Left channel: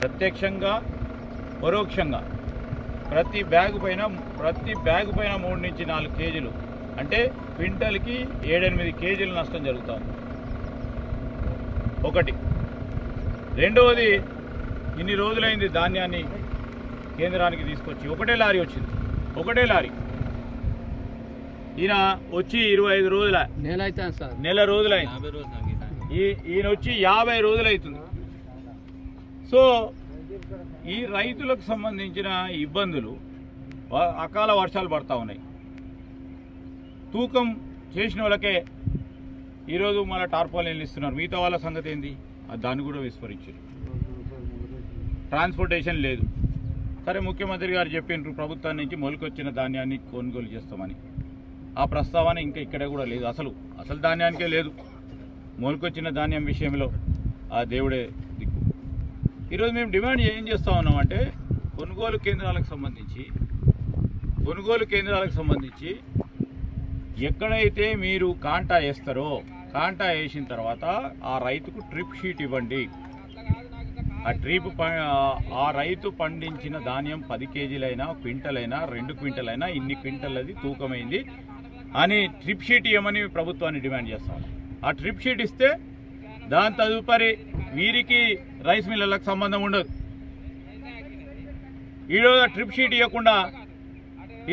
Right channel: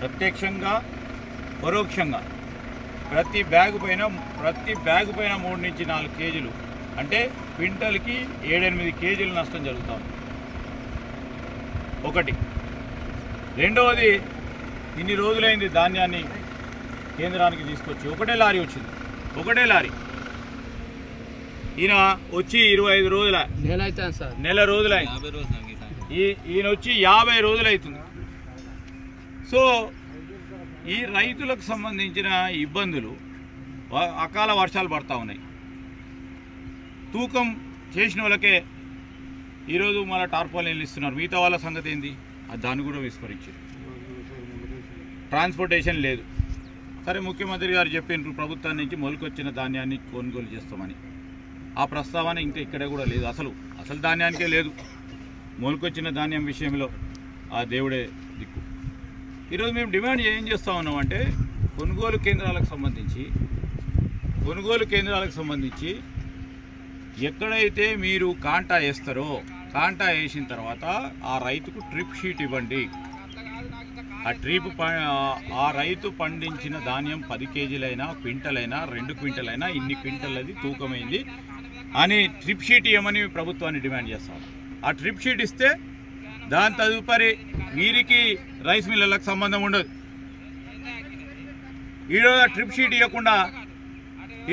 ప్రత్యక్షంగా పరోక్షంగా ప్రతి బ్యాగు పైన 3 నుంచి 4 కేజీలు అంటే క్వింటల్కి 7-8 కేజీల నష్టం జరుగుతుంది. ఒకటి. రెండవది, ఇన్ని రోజులైంది ధాన్యాన్ని కేంద్రానికి తీసుకొచ్చి ఒకటే లారీ వచ్చింది. ఈయన వచ్చి 25 రోజుల నెల రోజులైంది. ఈయన వచ్చి 50 రోజులు అవుతుంది. సో ఈ రైతులకు సంబంధించిన ఇబ్బందులు, అకాల వర్షాలు పడతా ఉన్నాయి. తూకం చేసిన వాళ్ళకే ఈరోజు మన టార్పాలిన్లు ఇస్తున్నారు. మిగతా వాళ్ళ సంగతి ఏంది? దాన్ని కూడా విస్మరించారు. ట్రాన్స్పోర్టేషన్ లేదు. సరే, ముఖ్యమంత్రి గారు చెప్పినారు ప్రభుత్వం నుంచి మొలకొచ్చిన ధాన్యాన్ని కొనుగోలు చేస్తామని. ఆ ప్రస్తావన ఇంకా ఇక్కడ కూడా లేదు. అసలు ధాన్యానికే లేదు. మొలకొచ్చిన ధాన్యం విషయంలో ఆ దేవుడే దిక్కు. ఈరోజు మేము డిమాండ్ ఏం చేస్తూ ఉన్నామంటే, కొనుగోలు కేంద్రాలకు సంబంధించి ఎక్కడైతే మీరు కాంటా వేస్తారో, కాంటా వేసిన తర్వాత ఆ రైతుకు ట్రిప్ షీట్ ఇవ్వండి. ఆ రైతు పండించిన ధాన్యం 10 కేజీలైనా, క్వింటలైనా, 2 క్వింటలైనా, ఇన్ని క్వింటల్ తూకమైంది అని ట్రిప్ షీట్ ఇవ్వమని ప్రభుత్వాన్ని డిమాండ్ చేస్తాం. ఆ ట్రిప్ షీట్ ఇస్తే దాని తదుపరి వీరికి రైస్ మిల్లర్లకు సంబంధం ఉండదు. ఈరోజు ఆ ట్రిప్ షీట్ ఇవ్వకుండా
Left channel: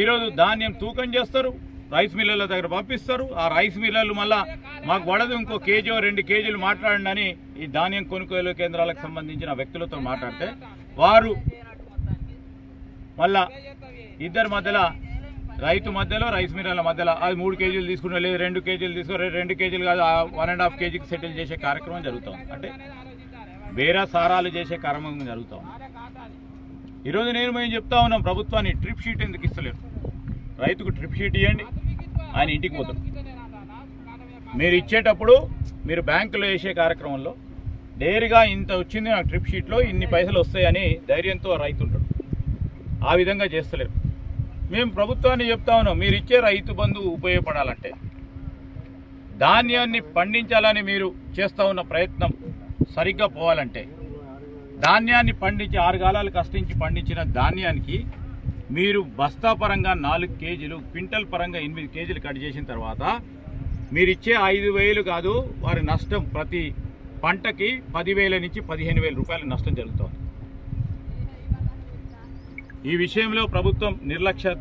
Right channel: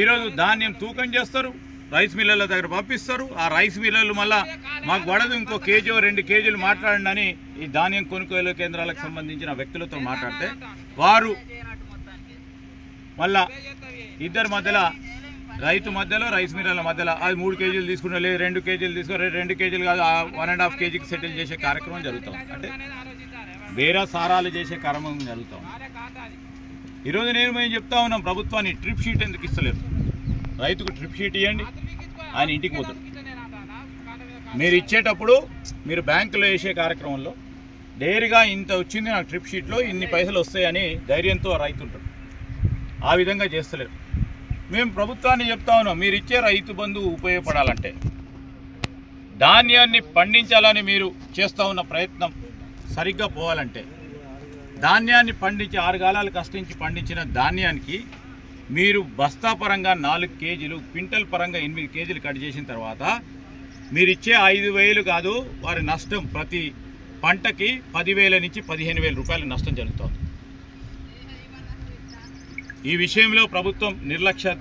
ఈరోజు ధాన్యం తూకం చేస్తారు, రైస్ మిల్లర్ల దగ్గర పంపిస్తారు. ఆ రైస్ మిల్లర్లు మళ్ళా మాకు పడదు, ఇంకో కేజీ 2 కేజీలు మాట్లాడండి అని ఈ ధాన్యం కొనుగోలు కేంద్రాలకు సంబంధించిన వ్యక్తులతో మాట్లాడితే వారు మళ్ళా ఇద్దరి మధ్యలో, రైతు మధ్యలో, రైస్ మిల్లర్ల మధ్యలో అది 3 కేజీలు తీసుకున్నా, లేదు 2 కేజీలు తీసుకుని, 2 కేజీలు కాదు 1.5 కేజీకి సెటిల్ చేసే కార్యక్రమం జరుగుతుంది. అంటే వేరే సారాలు చేసే కార్యక్రమం జరుగుతూ ఉంది. ఈరోజు మేము చెప్తా ఉన్నాం ప్రభుత్వాన్ని, ట్రిప్ షీట్ ఎందుకు ఇస్తలేరు? రైతుకు ట్రిప్ షీట్ ఇవ్వండి, ఆయన ఇంటికి పోతాడు. మీరు ఇచ్చేటప్పుడు మీరు బ్యాంకులో వేసే కార్యక్రమంలో డైరీగా ఇంత వచ్చింది నాకు ట్రిప్ షీట్లో, ఇన్ని పైసలు వస్తాయని ధైర్యంతో రైతు ఉంటాడు. ఆ విధంగా చేస్తలేరు. మేము ప్రభుత్వాన్ని చెప్తా ఉన్నాం, మీరు ఇచ్చే రైతు బంధు ఉపయోగపడాలంటే, ధాన్యాన్ని పండించాలని మీరు చేస్తూ ఉన్న ప్రయత్నం సరిగ్గా పోవాలంటే, ధాన్యాన్ని పండించి 6 కాలాలు కష్టించి పండించిన ధాన్యానికి మీరు బస్తా పరంగా 4 కేజీలు, క్వింటల్ పరంగా 8 కేజీలు కట్ చేసిన తర్వాత మీరు ఇచ్చే 5,000 కాదు, వారి నష్టం ప్రతి పంటకి 10,000 నుంచి 15,000 రూపాయల నష్టం జరుగుతుంది. ఈ విషయంలో ప్రభుత్వం నిర్లక్ష్యత